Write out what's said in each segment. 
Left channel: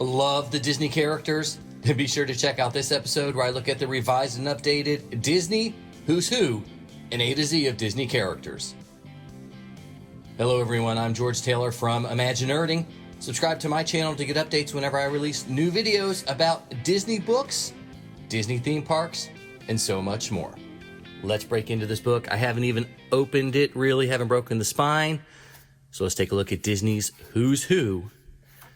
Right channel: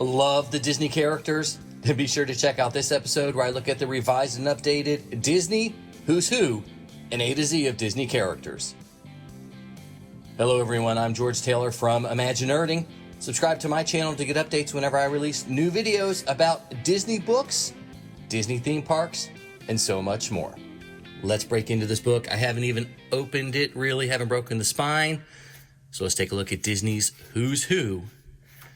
Love the Disney characters? Then be sure to check out this episode where I look at the revised and updated Disney Who's Who and A to Z of Disney characters. Hello everyone, I'm George Taylor from ImagiNERDing. Subscribe to my channel to get updates whenever I release new videos about Disney books, Disney theme parks, and so much more. Let's break into this book. I haven't even opened it, really haven't broken the spine. So let's take a look at Disney's Who's Who,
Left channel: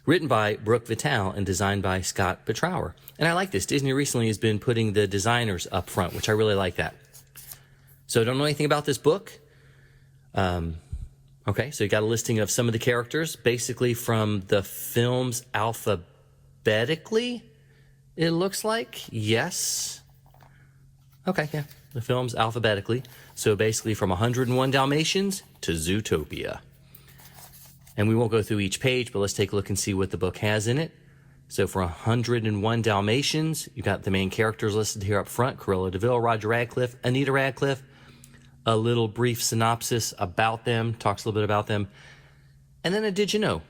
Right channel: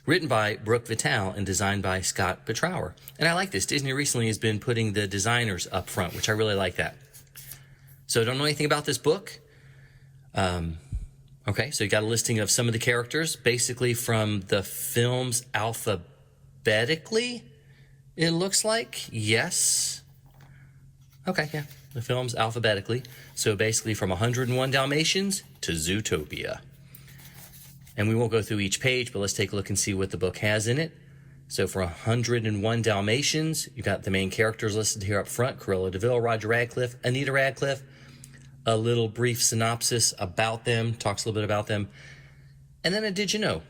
written by Brooke Vitale and designed by Scott Petrower. And I like this. Disney recently has been putting the designers up front, which I really like that. So I don't know anything about this book. Okay, so you got a listing of some of the characters, basically from the films alphabetically, it looks like. Yes. Okay, yeah, the films alphabetically. So basically from 101 Dalmatians to Zootopia. And we won't go through each page, but let's take a look and see what the book has in it. So for 101 Dalmatians, you got the main characters listed here up front: Cruella de Vil, Roger Radcliffe, Anita Radcliffe. A little brief synopsis about them, talks a little bit about them. And then a did you know?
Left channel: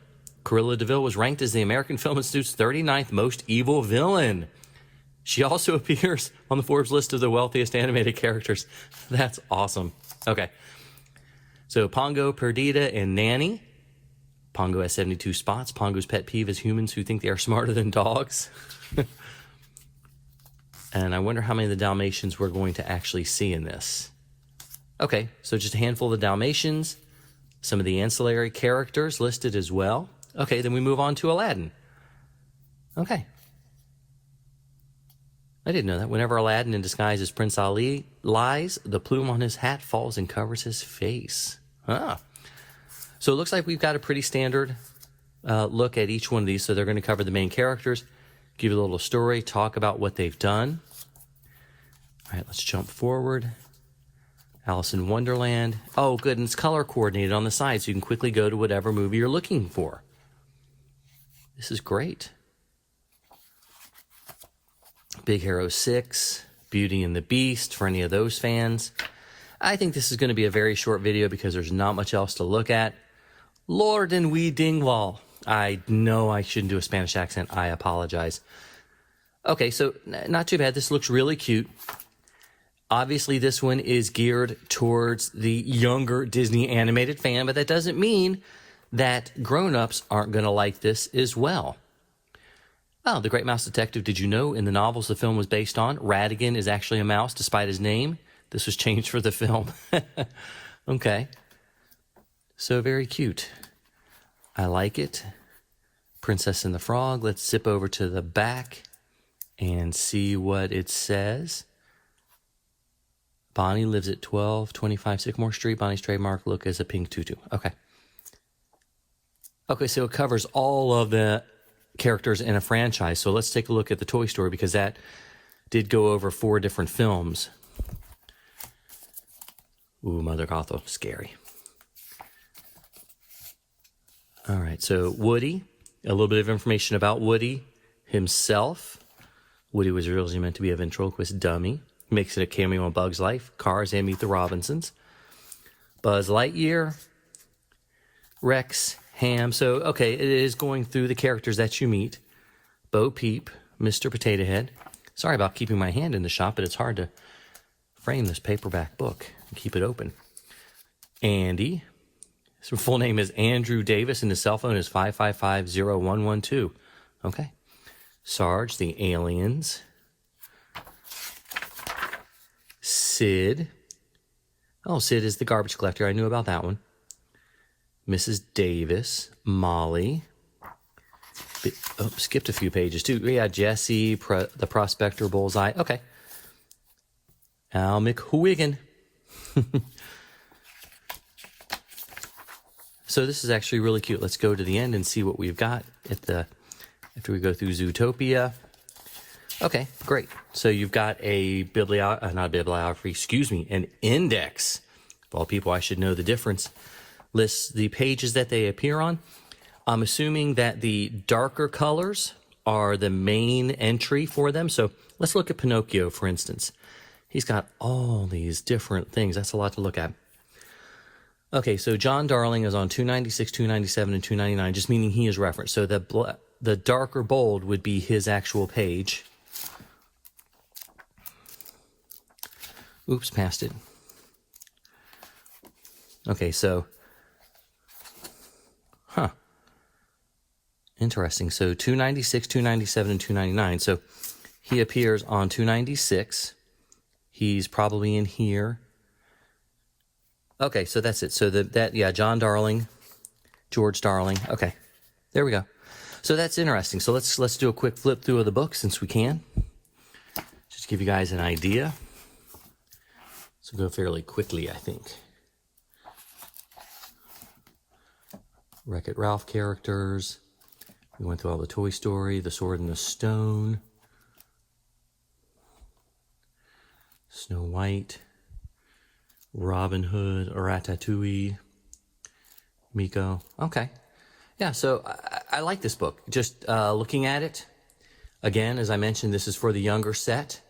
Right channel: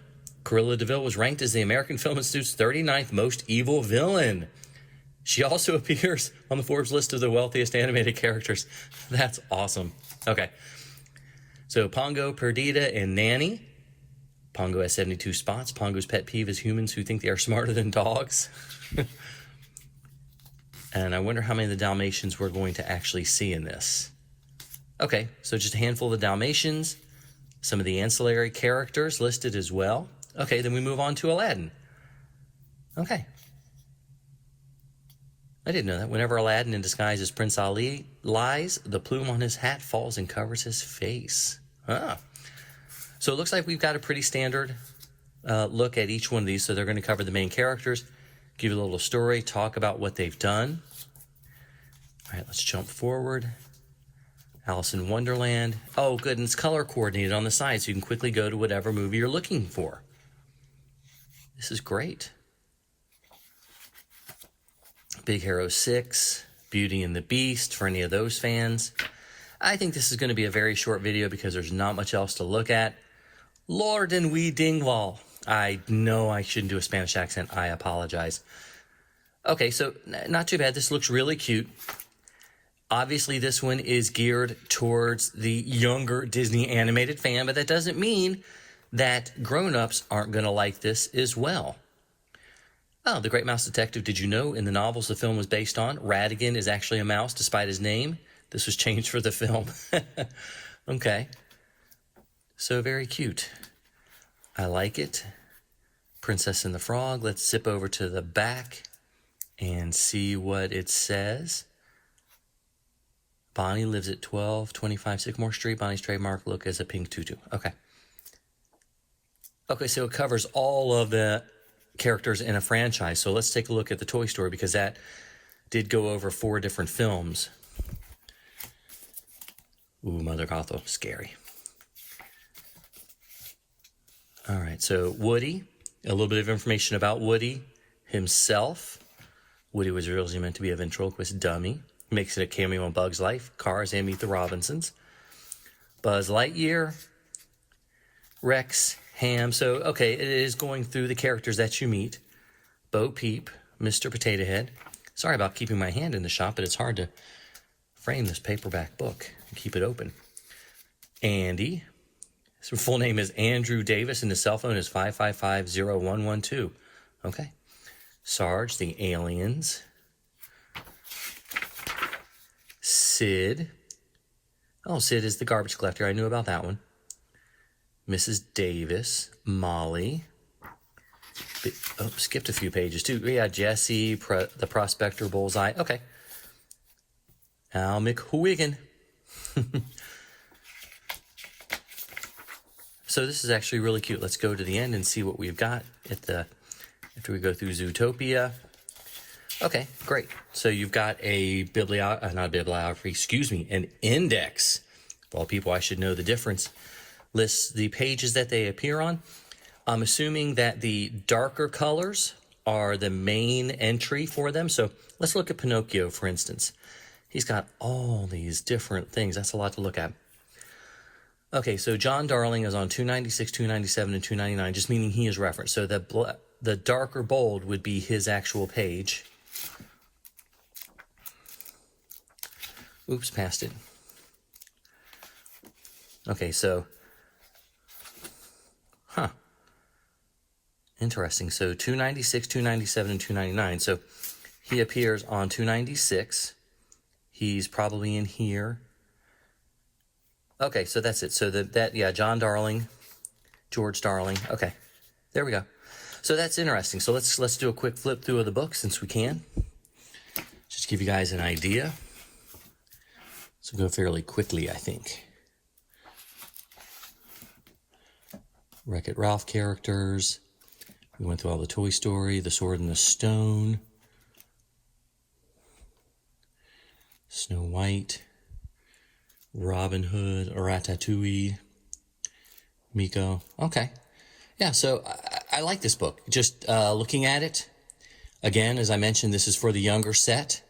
Cruella de Vil was ranked as the American Film Institute's 39th most evil villain. She also appears on the Forbes list of the wealthiest animated characters. That's awesome. Okay. So Pongo, Perdita, and Nanny. Pongo has 72 spots. Pongo's pet peeve is humans who think they are smarter than dogs. And I wonder how many of the Dalmatians we're going to actually see in this. Okay, so just a handful of the Dalmatians, some of the ancillary characters listed as well. Okay, then we move on to Aladdin. Okay. I didn't know that. Whenever Aladdin in disguise as Prince Ali lies, the plume on his hat falls and covers his face. Ah. So it looks like we've got a pretty standard look at each one of these. So they're going to cover the main characters, give you a little story, talk about what they've done. All right, let's jump forward. Alice in Wonderland. Oh, good, and it's color coordinated on the side, so you can quickly go to whatever movie you're looking for. This is great. Big Hero 6, Beauty and the Beast, for any of those fans. I think this is going to be a very short video because there's not much else to look at. Lord and Wee Dingwall. I know I shouldn't do a Spanish accent. I apologize. Okay, so not too bad. This looks really cute. Obviously, this one is geared towards the younger Disney animated fan, but that doesn't mean that grown-ups aren't going to like this as well. Oh, The Great Mouse Detective. Did you know in the novels the film was based on, Ratigan is actually a mouse despite his name? This was changed for the film. Okay. So very cute. I like it. Princess and the Frog. Let's zip over to the back and see what it says. Bonnie lives at 1225 Sycamore Street. Bonnie's trademark look as a pink tutu. Okay. Okay, so it covers all of the characters in a franchise. So let's take a look at the Toy Story because that did go over 4 different films. Ooh, Mother Gothel, scary. All right, so Woody, a little bit of information about Woody himself. Woody was originally meant to be a ventriloquist dummy. Makes it a cameo on Bug's Life, Cars, and Meet the Robinsons. Buzz Lightyear, Rex, Ham. So, okay, it is going through the characters that you meet. Bo Peep, Mr. Potato Head. Sorry about keeping my hand in the shop, but it's hard to frame this paperback book and keep it open. Andy. His full name is Andrew Davis, and his cell phone is 555-0112. Okay. Sarge, the Aliens. Sid. Oh, Sid is the garbage collector. I knew about that one. Mrs. Davis. Molly. Oh, skipped a few pages too. Yeah, Jesse, the prospector, Bullseye. Okay. Al McWhiggin. So this is actually really cute. Let's go to the end and see what we've got after we go through Zootopia. Okay, great. So you've got a an index. Of all people, I should know the difference. Lists the pages that they appear on. I'm assuming that the darker colors are the main entry for them. So let's look at Pinocchio, for instance. He's got all these different things. That's a lot to look at. Okay, so John Darling is on 296, 297, and 299, just meaning he is referenced. So the the darker bold would be his actual page. Oops, passed it. Okay, so, interesting. So 296, 297, and 299. So he appears on 296. He's probably in here. Okay, so that's it. So yeah, John Darling, George Darling. Okay, there we go. So that's interesting. So let's do a quick flip through of the book since we can. Just give you guys an idea. So go fairly quickly, I think. Wreck-It Ralph characters. We went through all the Toy Story, The Sword and the Stone, Snow White, Robin Hood, Ratatouille, Miko. Okay. Yeah, so I like this book. Just looking at it, again, as I mentioned, this is for the younger set.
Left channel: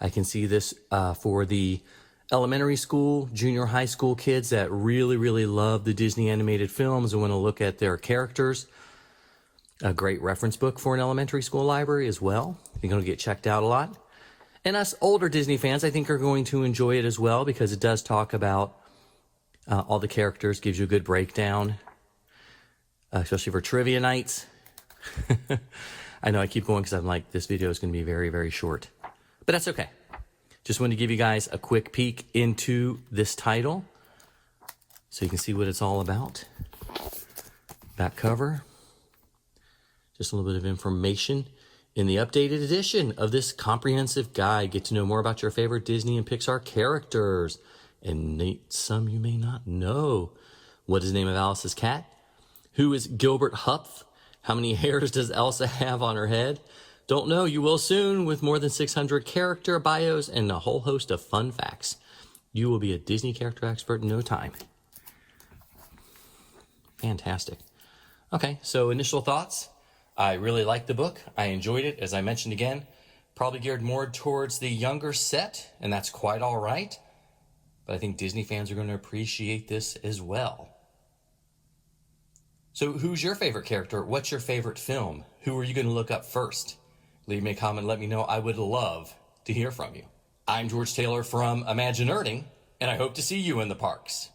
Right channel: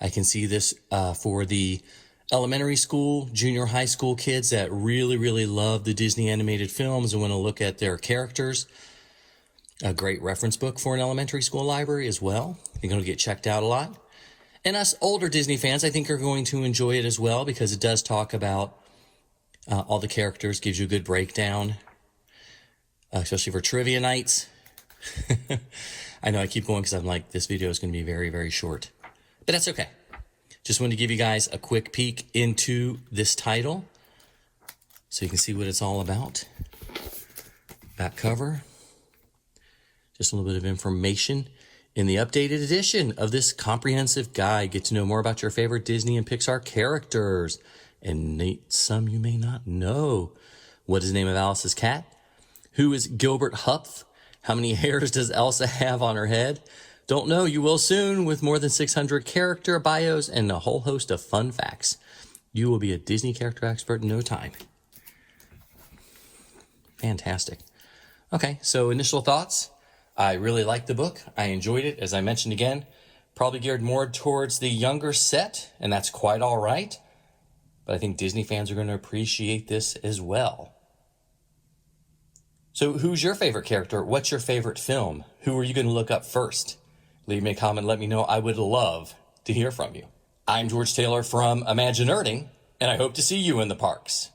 I can see this for the elementary school, junior high school kids that really, really love the Disney animated films and want to look at their characters. A great reference book for an elementary school library as well. You're going to get checked out a lot. And us older Disney fans, I think, are going to enjoy it as well because it does talk about all the characters, gives you a good breakdown, especially for trivia nights. I know I keep going because I'm like, this video is going to be very, very short. But that's okay. Just wanted to give you guys a quick peek into this title so you can see what it's all about. Back cover. Just a little bit of information. In the updated edition of this comprehensive guide, get to know more about your favorite Disney and Pixar characters. And some you may not know. What is the name of Alice's cat? Who is Gilbert Hupf? How many hairs does Elsa have on her head? Don't know, you will soon with more than 600 character bios and a whole host of fun facts. You will be a Disney character expert in no time. Fantastic. Okay, so initial thoughts. I really liked the book. I enjoyed it. As I mentioned again, probably geared more towards the younger set, and that's quite all right. But I think Disney fans are going to appreciate this as well. So who's your favorite character? What's your favorite film? Who are you going to look up first? Leave me a comment, let me know. I would love to hear from you. I'm George Taylor from ImagiNERDing, and I hope to see you in the parks.